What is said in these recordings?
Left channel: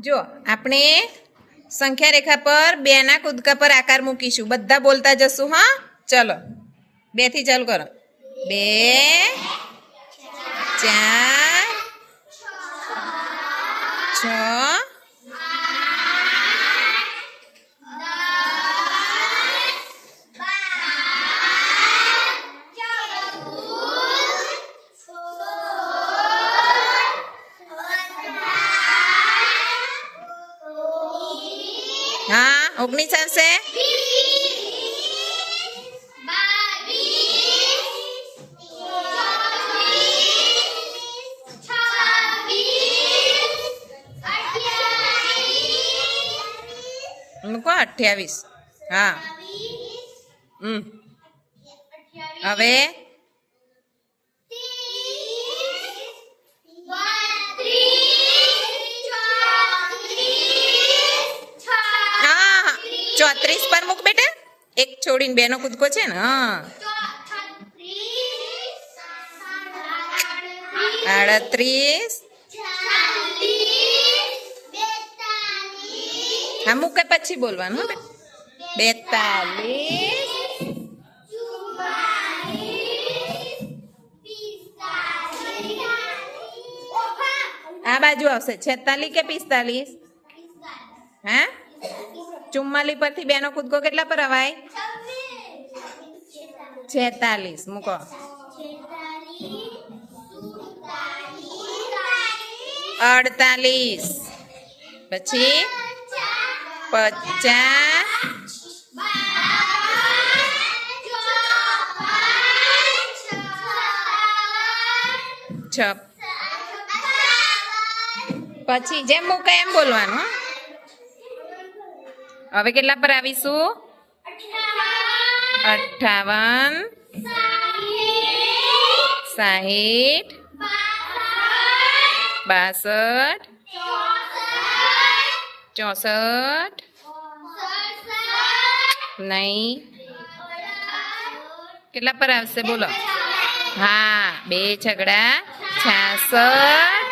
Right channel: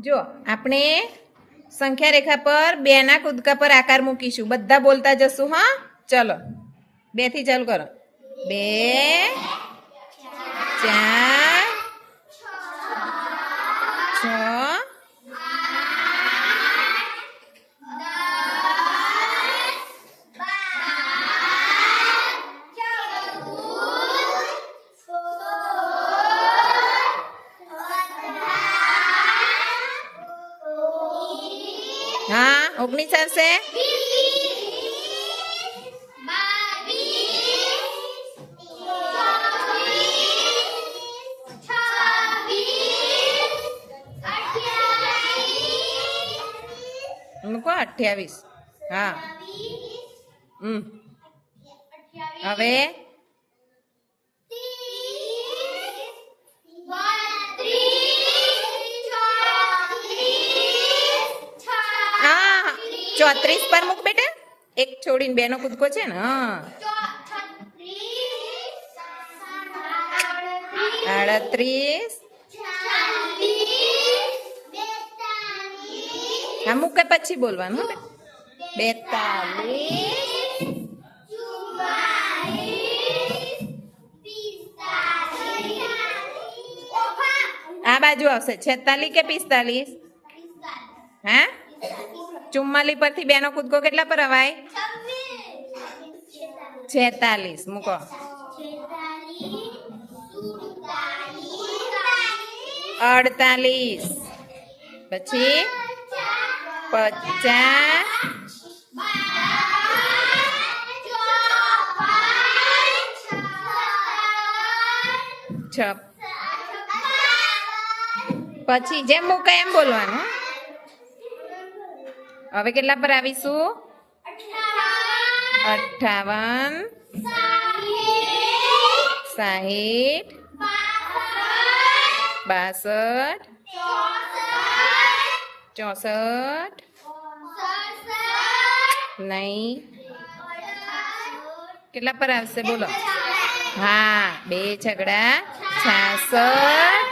જો, આપણે સંખ્યા રેખા પર બેના કૂદકા પર આકાર મૂકીશું. બધા બોલતા જશું, હા? ચલો. બેથી ચાલુ કરો. બે, ચાર, છ હા? ઓગણીસ આવશે મૂકો અઠ્યાવીસ? હા. હમ. હવે? ચોત્રીસ પર મૂક બેટા. એક છોડીને બેનો કૂદકો છે ને, હા. આડત્રીસ. હા, મૂકે પછી બોલવાનું બેતાલીસ. આ બાજુ આવશે. છેતાલીસ કે પિસ્તાલીસ? હા? ચુમ્માલીસ પરથી બેનો કૂદકો કેટલા પર અવાય? છેતાલીસ. મૂકો. અડતાલીસ. પછી? પચાસ. છ. પછી જેમ મૂકે એમ બોલવાનું, હો. હવે કેટલા પર આવીશું? અઠાવન. સાહીઠ. બાસઠ. ચોસઠ. નહીં. કેટલા પર આવશે? બોલો. હા બે છગડા. છાસઠ.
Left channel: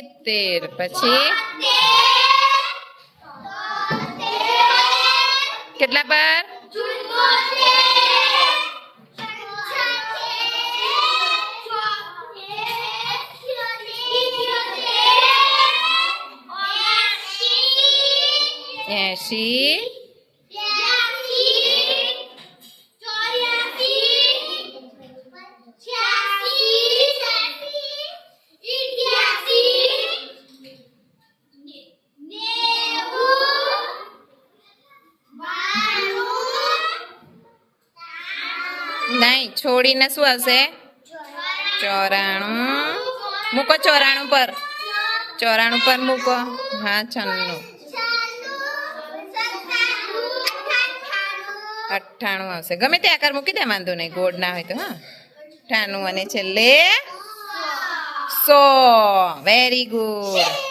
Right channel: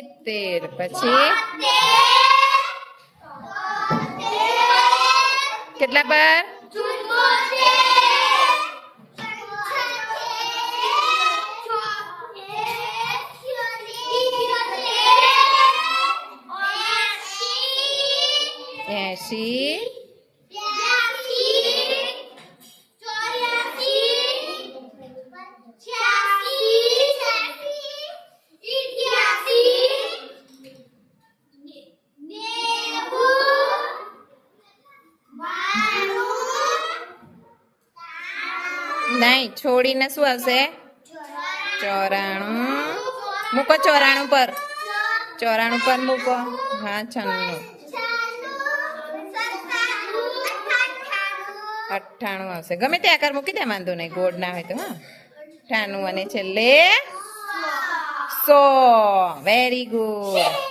સિત્તેર પછી? કેટલા પર? એસી નહીં, છોડીને શું આવશે? ચોરાણું. મૂકો ચોરાણું પર. ચોરાણું પર મૂકો. હા, છન્નું. અઠ્ઠાણું આવશે. ગમે તે આકાર મૂકી દે, વાંધો નહીં, ગોળ ના હોય તો, હા. અઠ્ઠાણું અને છેલ્લે સો. Very good